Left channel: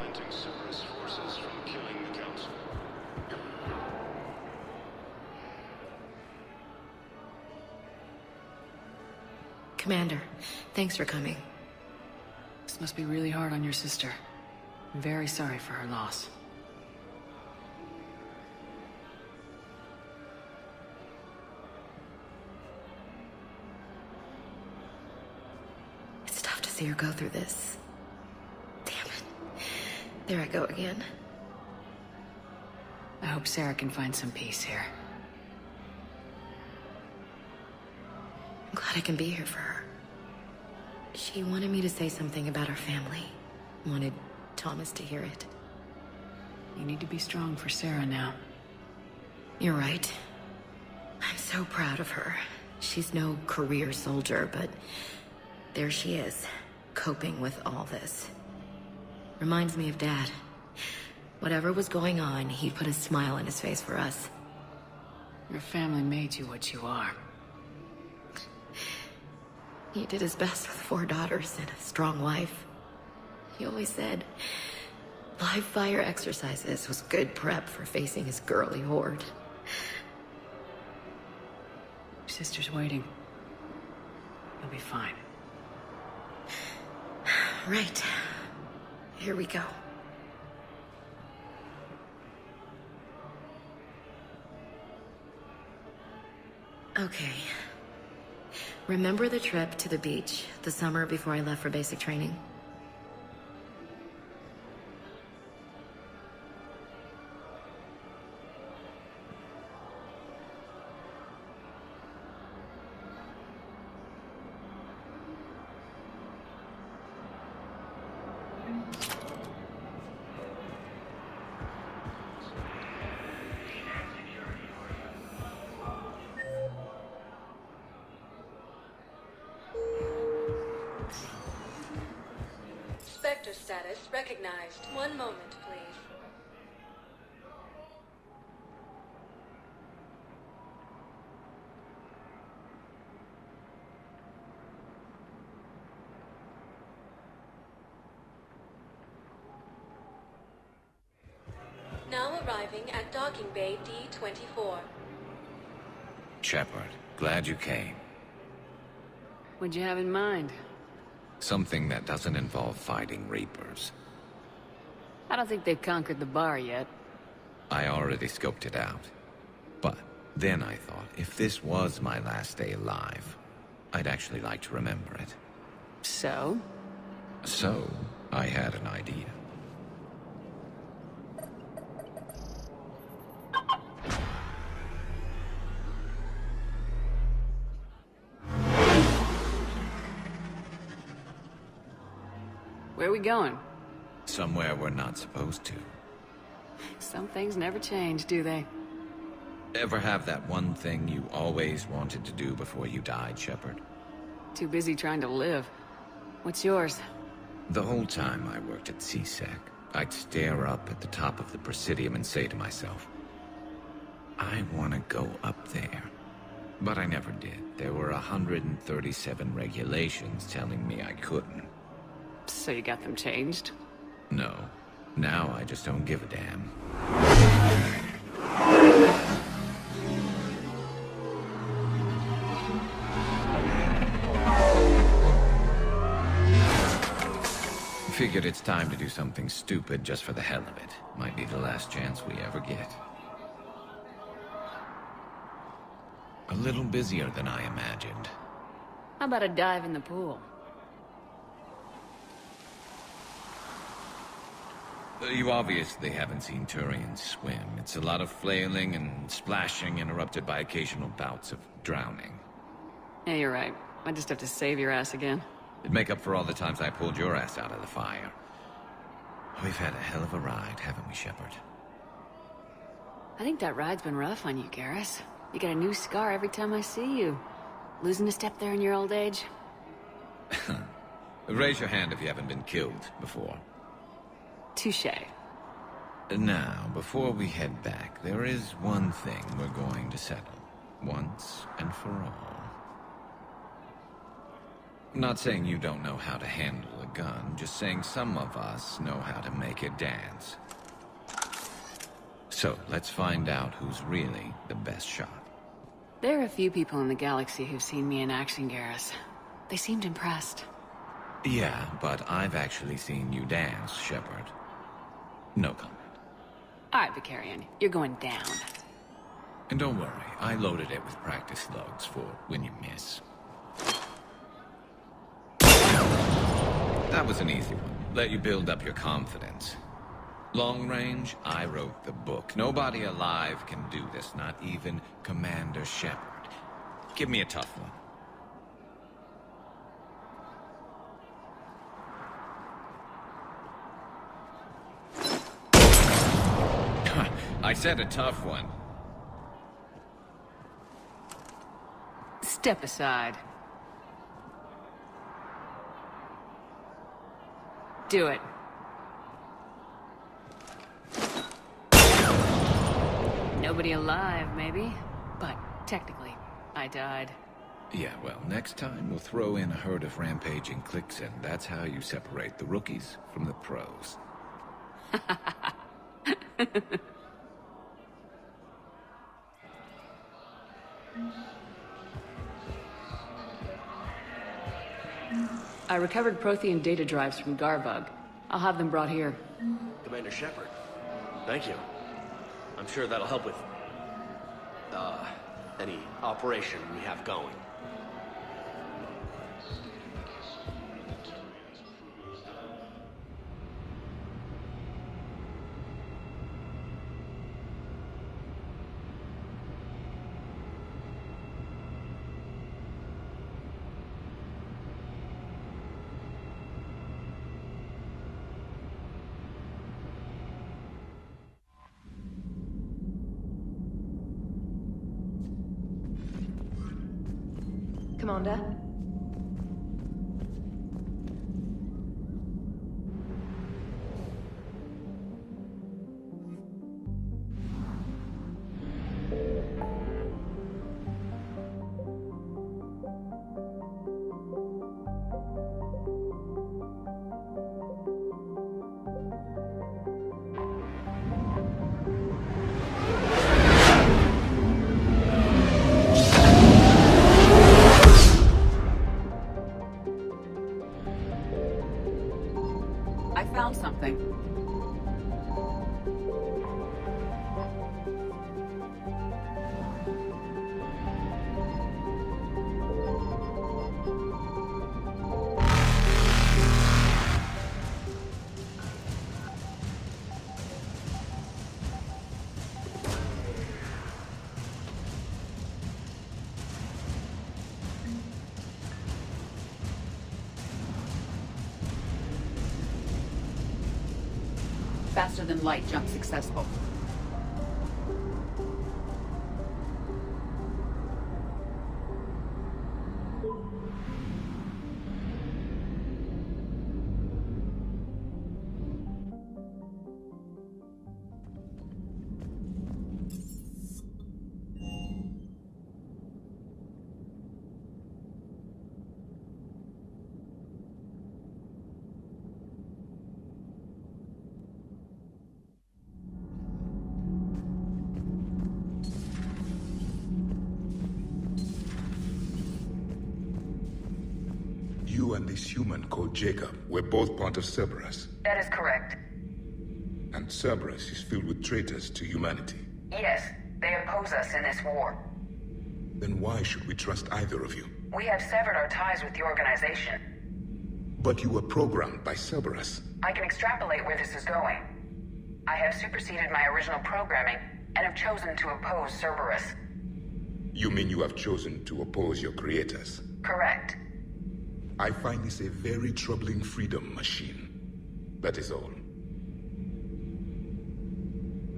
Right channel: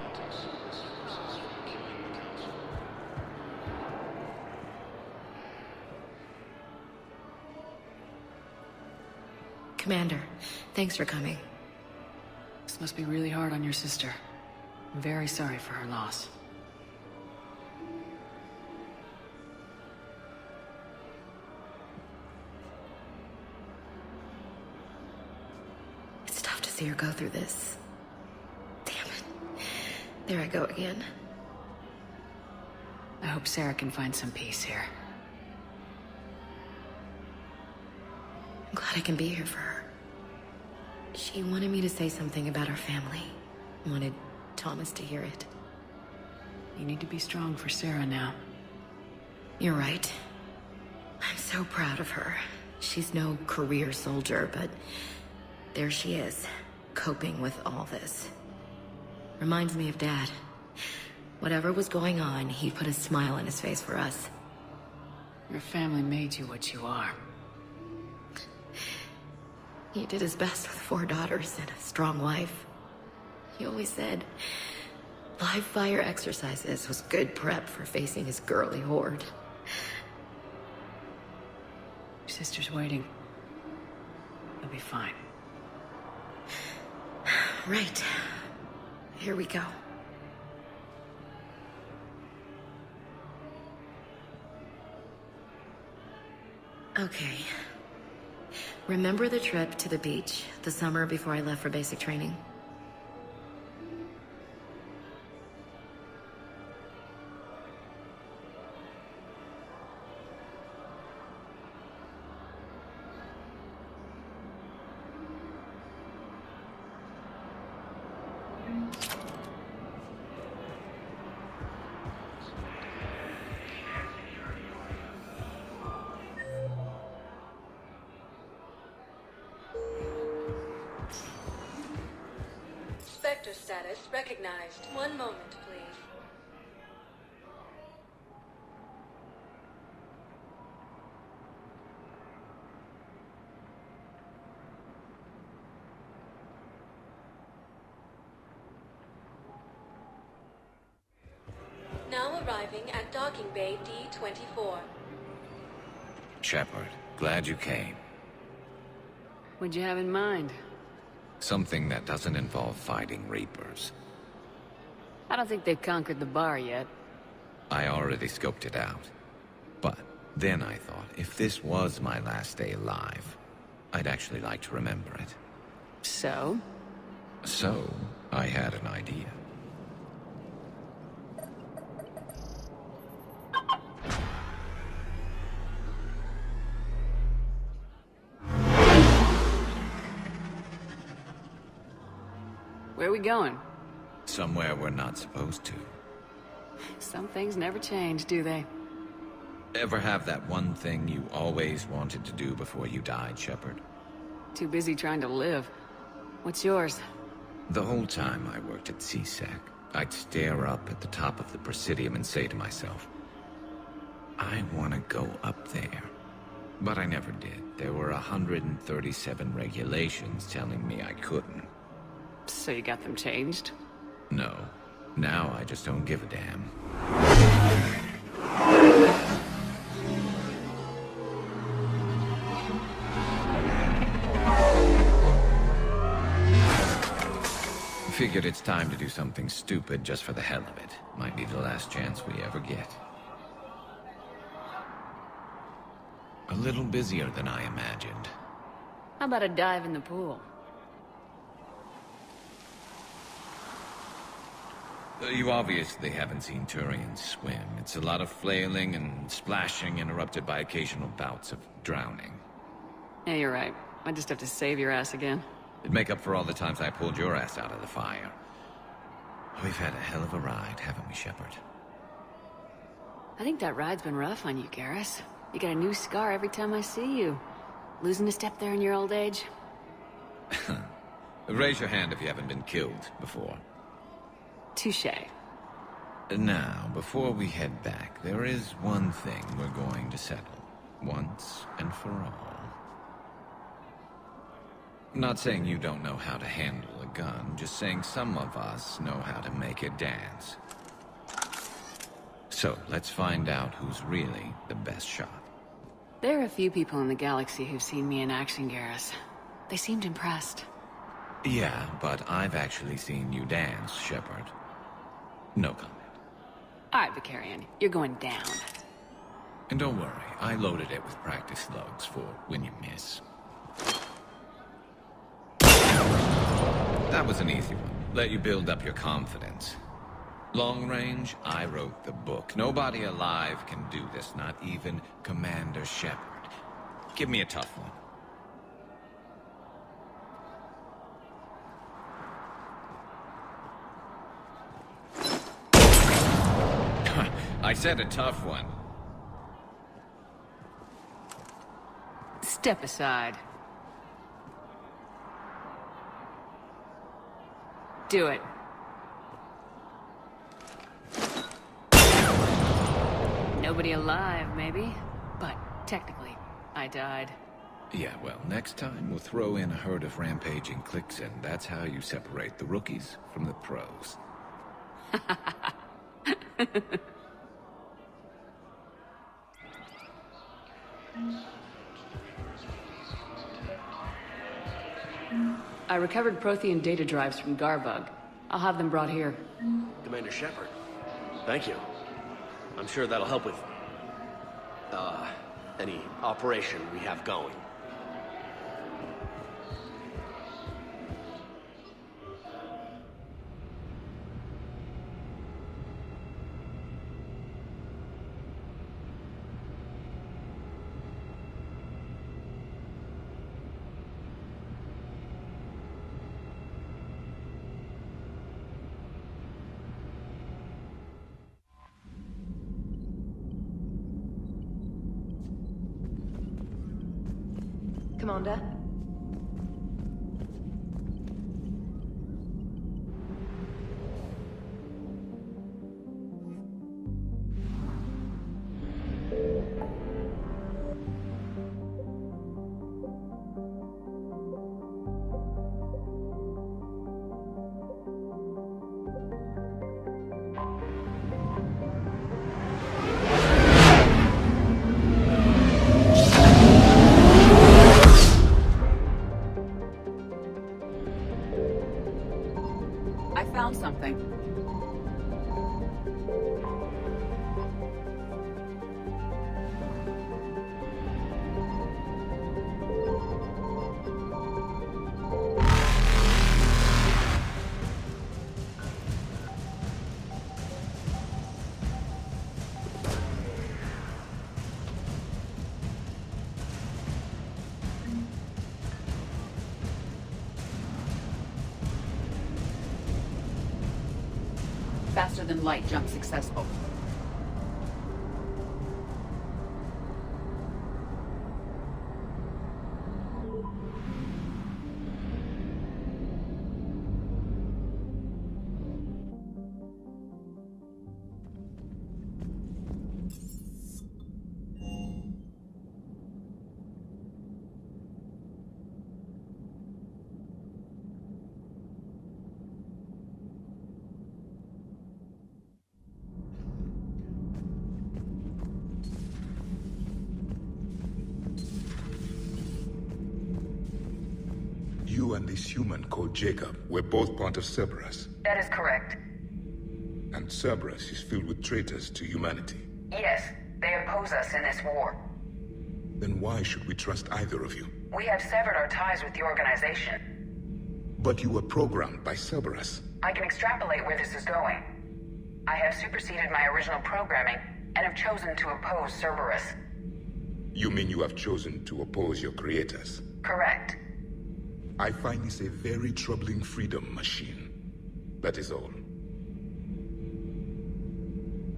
Preventing Cerberus forces from killing the council. Commander, thanks for coming. This must be really hard on your sister. I'm very sorry for her loss. It's tough to see her go through this. Damn it. There I go again. I hope Sarah can find some peace here. I'm glad I can be here for her. She wanted me to say something about our family. Wanted Thomas to hear it. You need to be strong for Sarah now. You're right. I'm so proud of her. She's no career soldier, but there she is, coping with all this. Reminds me of Dad. Whatever was going on, he put a smile on his face for us. Your family made you what you are. He did his best with 4 daughters and a strong wife. He always said live fire exercises was good prep for facing his girly horde. Your sister's waiting. You'll be fine. Right. Here we go. Okay. Remember the trip to the beach the summer before I left for basic training? Status recognized. One moment, please. Now arriving at docking bay D-24. Shepard, glad you came. What'd you have in mind? Something that doesn't involve fighting Reapers. I don't think they've conquered the bar yet. I already scoped it out. But then I thought, if this was my last day alive, I'd actually like to remember it. So? So, I had an idea. Where are we going? Somewhere we're not supposed to. Some things never change, do they? Ever have that one thing you always wanted to do before you died, Shepard? Too busy trying to live. What's yours? The whole time I worked at CSEC, I'd stare up at the top of the Presidium and say to myself, I want to go up there. But I never did. There were 137 regulations telling me I couldn't. So you got them changed? No. Now I just don't give a damn. Figured it's time to do something stupid just for the hell of it. Might be the last chance we ever get. A little busier than I imagined. How about a dive in the pool? You obviously haven't seen Turians swim. It's a lot of flailing and splashing, interrupted by occasional bouts of drowning. Yeah, you're right. I just have to save your ass again. It'd make up for all the times I pulled your ass out of the fire. We've had a hell of a ride, haven't we, Shepard? I think that ride's been rough on you, Garrus. You got a new scar every time I see you. Losing a step there in your old age? Raise your hand if you haven't been killed before. Touché. Now, before we head back, there is one thing we're going to settle. Once and for all. I'm not saying you don't know how to handle a gun, just saying some of us know how to make it dance. So, let's find out who's really the best shot. There are a few people in the galaxy who've seen me in action, Garrus. They seemed impressed. Yeah, but I've actually seen you dance, Shepard. No comment. All right, Vicarian, you're going down. And don't worry, I loaded it with practice slugs for when you miss. That was an easy one. Let you build up your confidence. Long range, I wrote the book. Nobody alive can do this, not even Commander Shepard. Give me a tough one. I said a tough one. Step aside. Do it. Nobody alive, maybe. But technically, I died. Yeah, well, next time we'll throw in a herd of rampaging cliques, and that's how you separate the rookies from the pros. I recovered Prothean data drives from Garbug. I'll have them brought here. Commander Shepard, thank you. I'm sure that'll help with, any operation we have going. Commander? I found something. Faster than light jump successful. You and this human called Jacob were both part of Cerberus. That is correct. And Cerberus is filled with traitors to humanity. Yes, they oppose us in this war. Then why should we trust either of you? We have severed our ties with the organization. But you were programmed by Cerberus. I can extrapolate where this is going. I have superseded my original programming and have chosen to oppose Cerberus. You mean you have chosen to oppose your creators? Correct. I find this a very troubling freedom machine. That is all.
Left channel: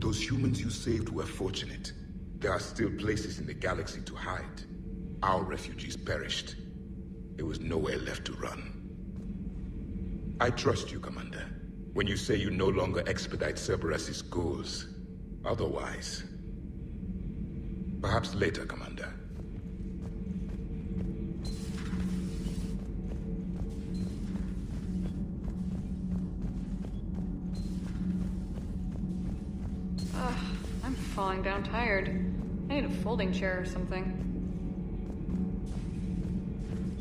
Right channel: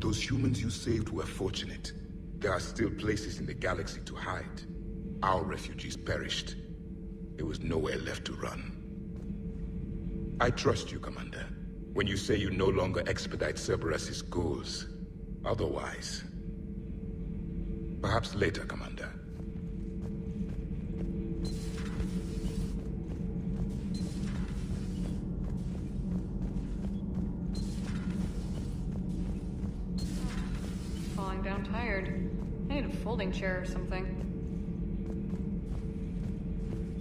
Those humans you saved were fortunate. There are still places in the galaxy to hide. Our refugees perished. There was nowhere left to run. I trust you, Commander, when you say you no longer expedite Cerberus's goals. Otherwise... Perhaps later, Commander. falling down tired. I need a folding chair or something.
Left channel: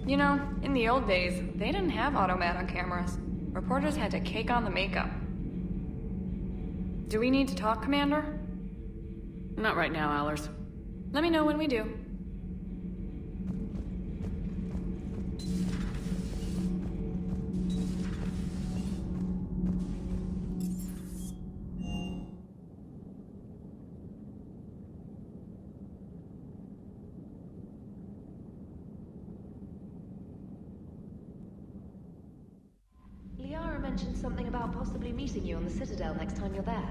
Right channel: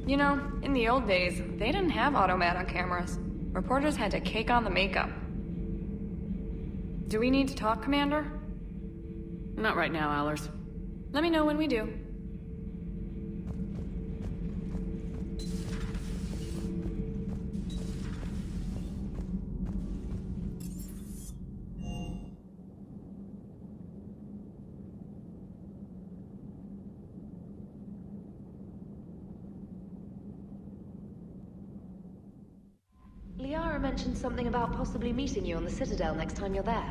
You know, in the old days, they didn't have automat on cameras. Reporters had to cake on the makeup. Do we need to talk, Commander? Not right now, Allers. Let me know when we do. Liara mentioned something about possibly meeting you on the Citadel next time you're there.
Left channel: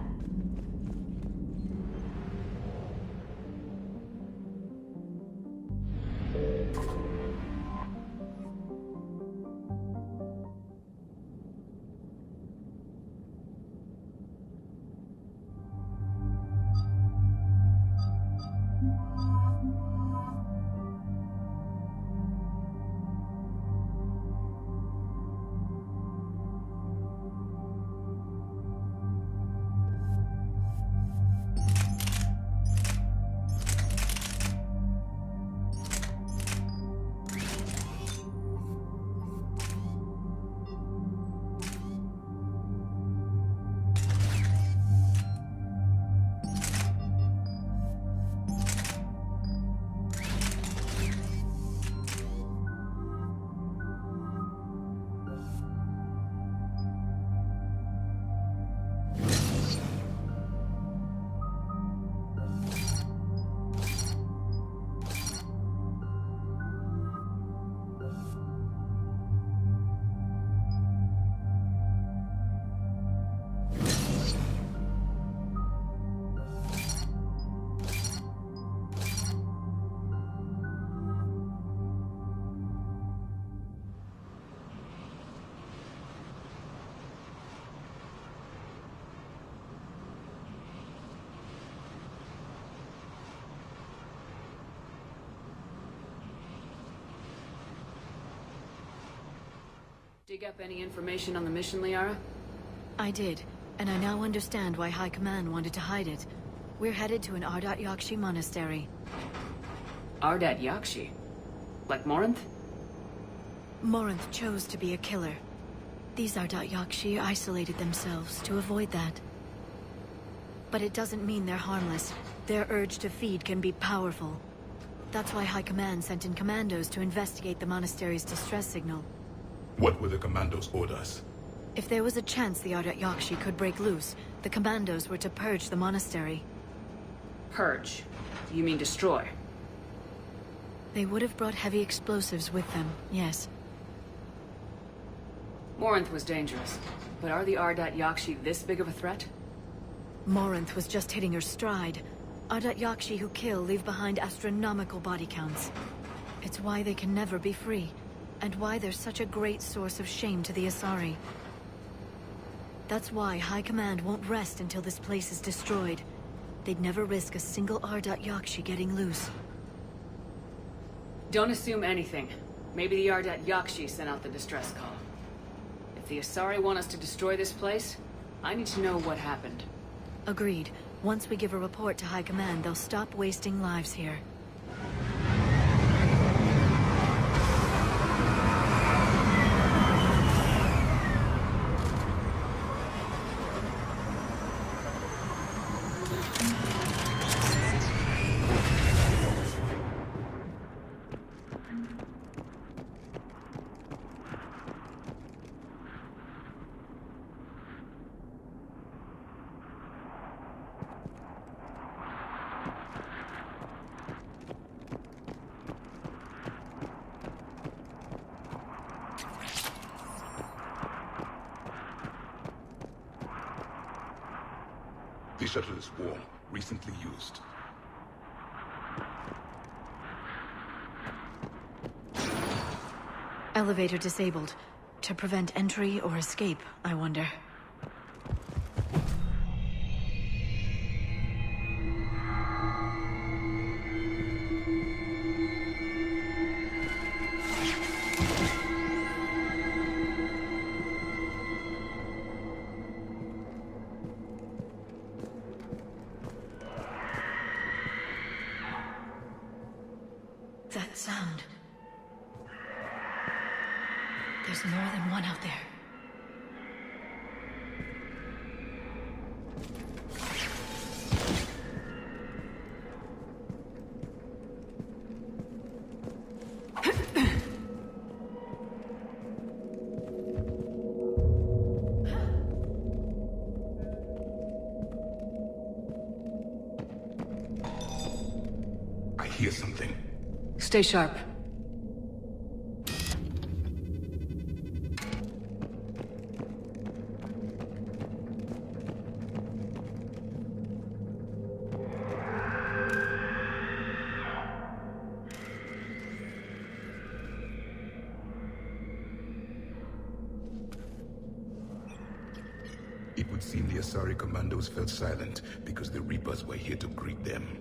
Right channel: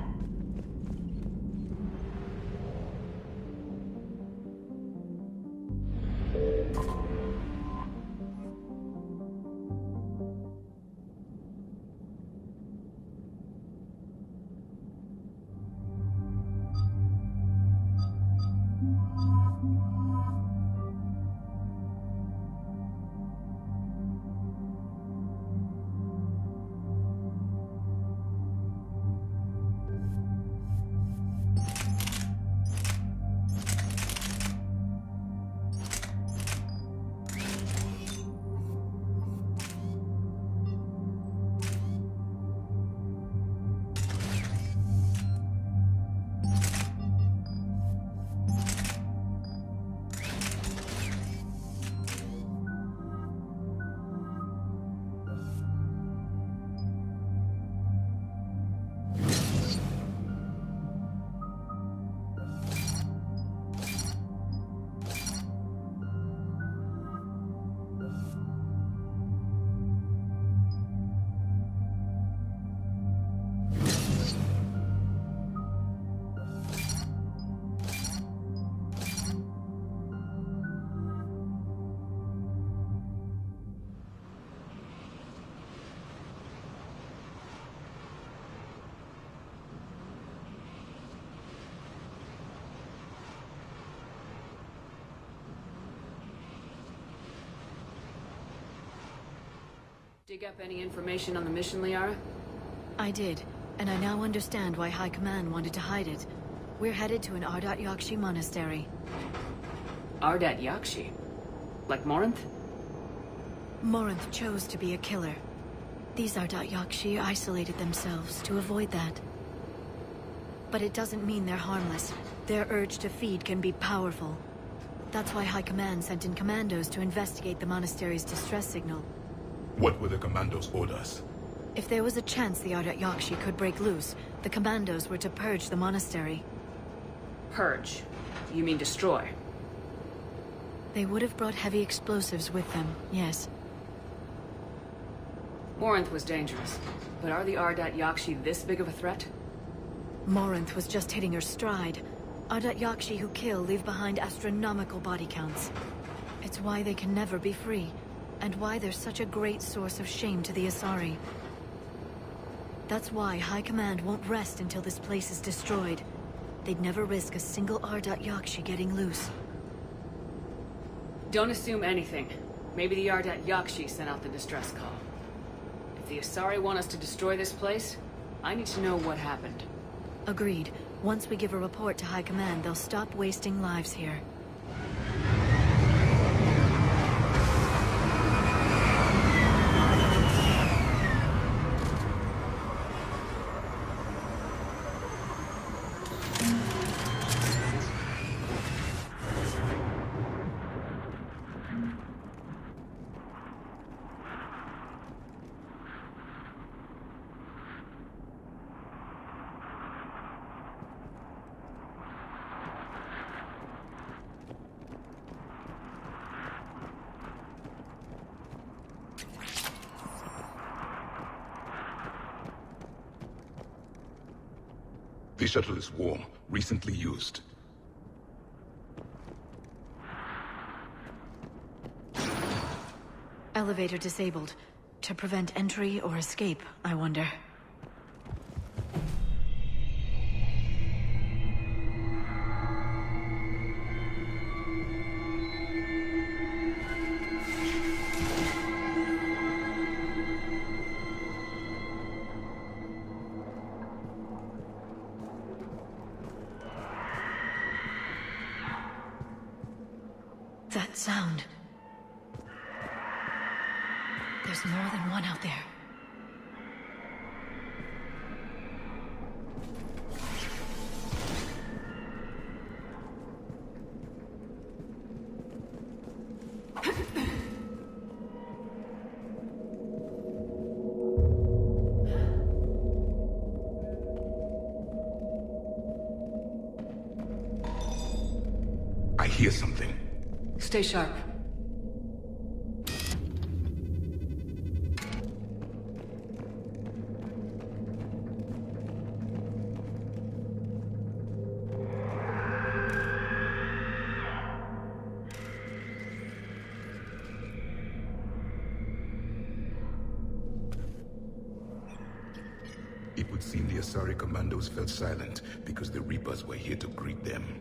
Dig up any information on the mission, Liara? I did, and I now understand why High Command wanted to hide it. We're headed to an Ardat Yakshi monastery. Ardat Yakshi? Like Morinth? Morinth chose to be a killer. These Ardat Yakshi isolated themselves to avoid that. But it doesn't mean they're harmless. Their urge to feed can be powerful. That's why High Command sent in commandos to investigate the monastery's distress signal. What were the commandos' orders? If there was a chance the Ardat Yakshi could break loose, the commandos were to purge the monastery. Purge? You mean destroy? They would have brought heavy explosives with them, yes. Morinth was dangerous, but are the Ardat Yakshi this big of a threat? Morinth was just hitting her stride. Ardat Yakshi who kill leave behind astronomical body counts. It's why they can never be free, and why they're such a great source of shame to the Asari. That's why High Command won't rest until this place is destroyed. They'd never risk a single Ardat Yakshi getting loose. Don't assume anything. Maybe the Ardat Yakshi sent out the distress call. If the Asari want us to destroy this place, I need to know what happened. Agreed. Once we give a report to High Command, they'll stop wasting lives here. The shuttle is warm, recently used. Elevator disabled. To prevent entry or escape, I wonder. That sound. There's more than one out there. I hear something. Stay sharp. It would seem the Asari commandos felt silent because the Reapers were here to greet them.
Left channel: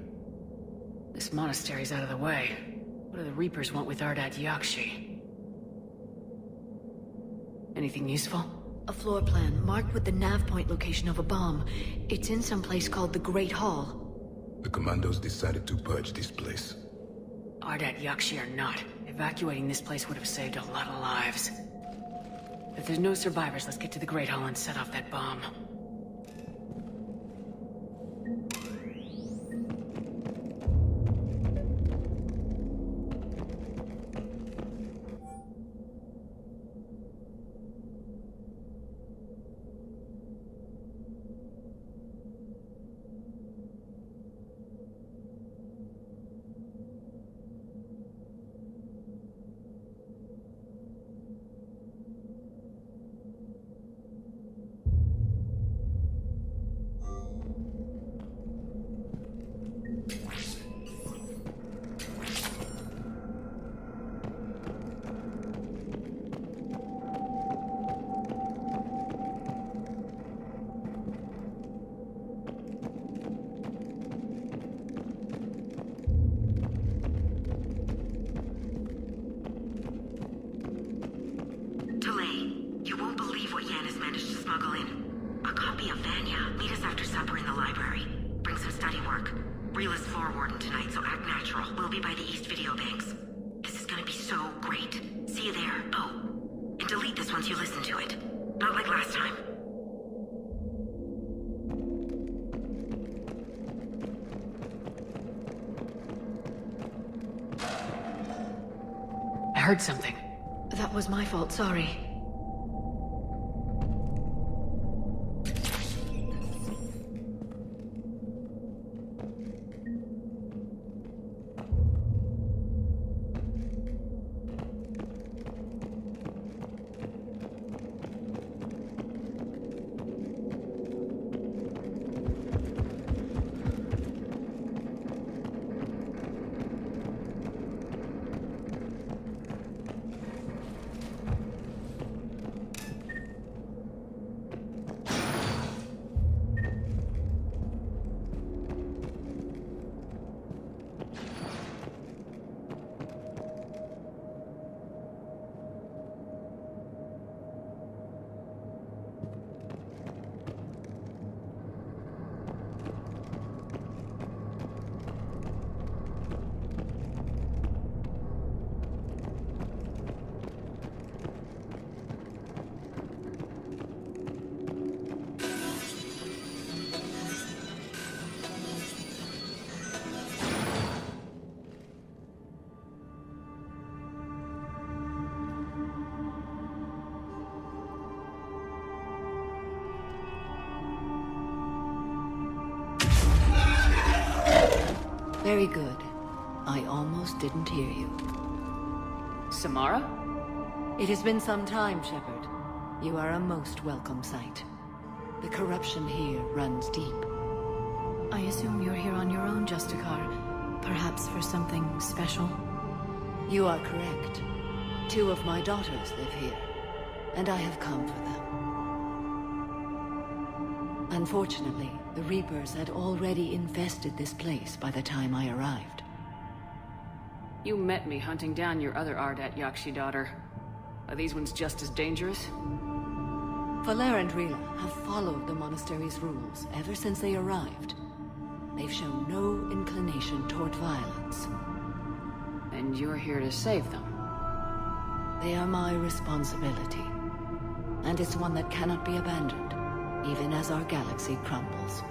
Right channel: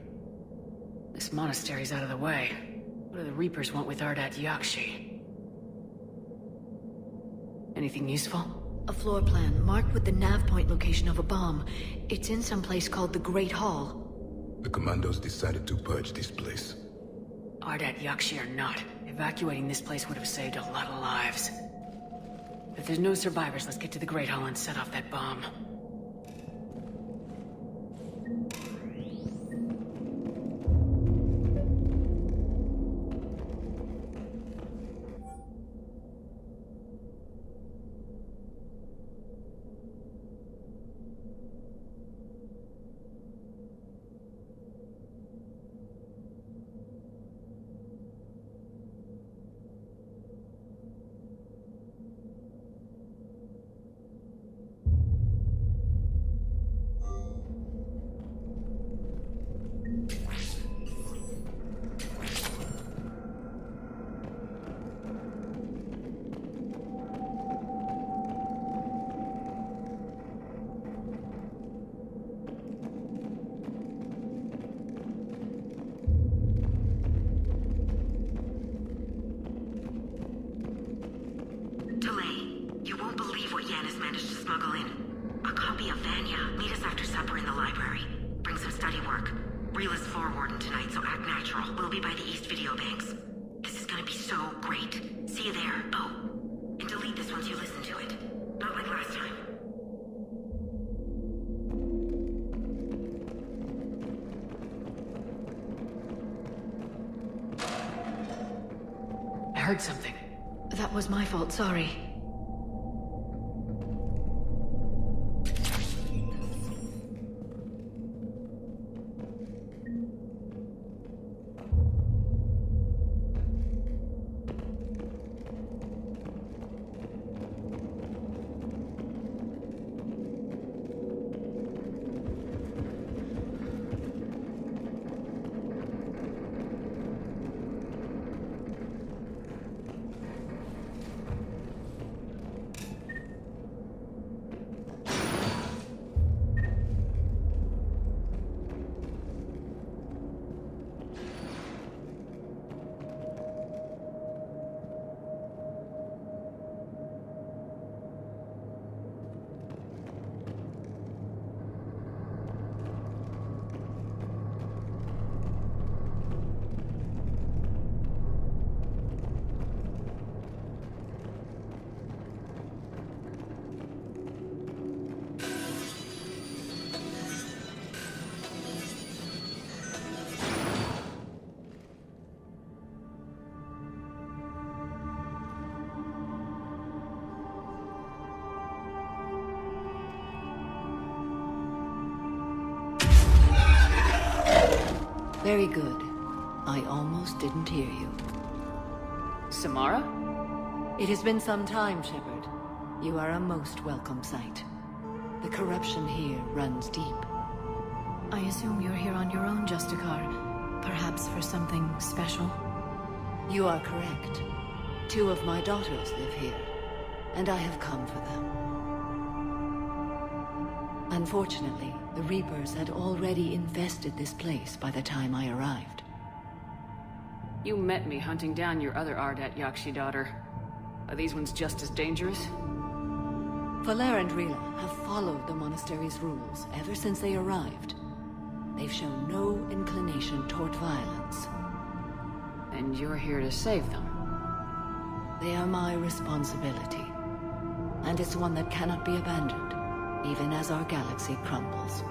This monastery's out of the way. What do the Reapers want with Ardat Yakshi? Anything useful? A floor plan marked with the nav point location of a bomb. It's in some place called the Great Hall. The commandos decided to purge this place. Ardat Yakshi or not, evacuating this place would have saved a lot of lives. If there's no survivors, let's get to the Great Hall and set off that bomb. You won't believe what Yan has managed to smuggle in. A copy of Vanya. Meet us after supper in the library. Bring some study work. Reel is floor warden tonight, so act natural. We'll be by the East Video Banks. This is gonna be so great. See you there. Oh, and delete this once you listen to it. Not like last time. I heard something. That was my fault, sorry. Very good. I almost didn't hear you. Samara? It has been some time, Shepard. You are a most welcome sight. The corruption here runs deep. I assume you're here on your own, Justicar. Perhaps for something special? You are correct. 2 of my daughters live here, and I have come for them. Unfortunately, the Reapers had already infested this place by the time I arrived. You met me hunting down your other Ardat Yakshi daughter. Are these ones just as dangerous? Valer and Rila have followed the monastery's rules ever since they arrived. They've shown no inclination toward violence. And you're here to save them. They are my responsibility. And it's one that cannot be abandoned, even as our galaxy crumbles.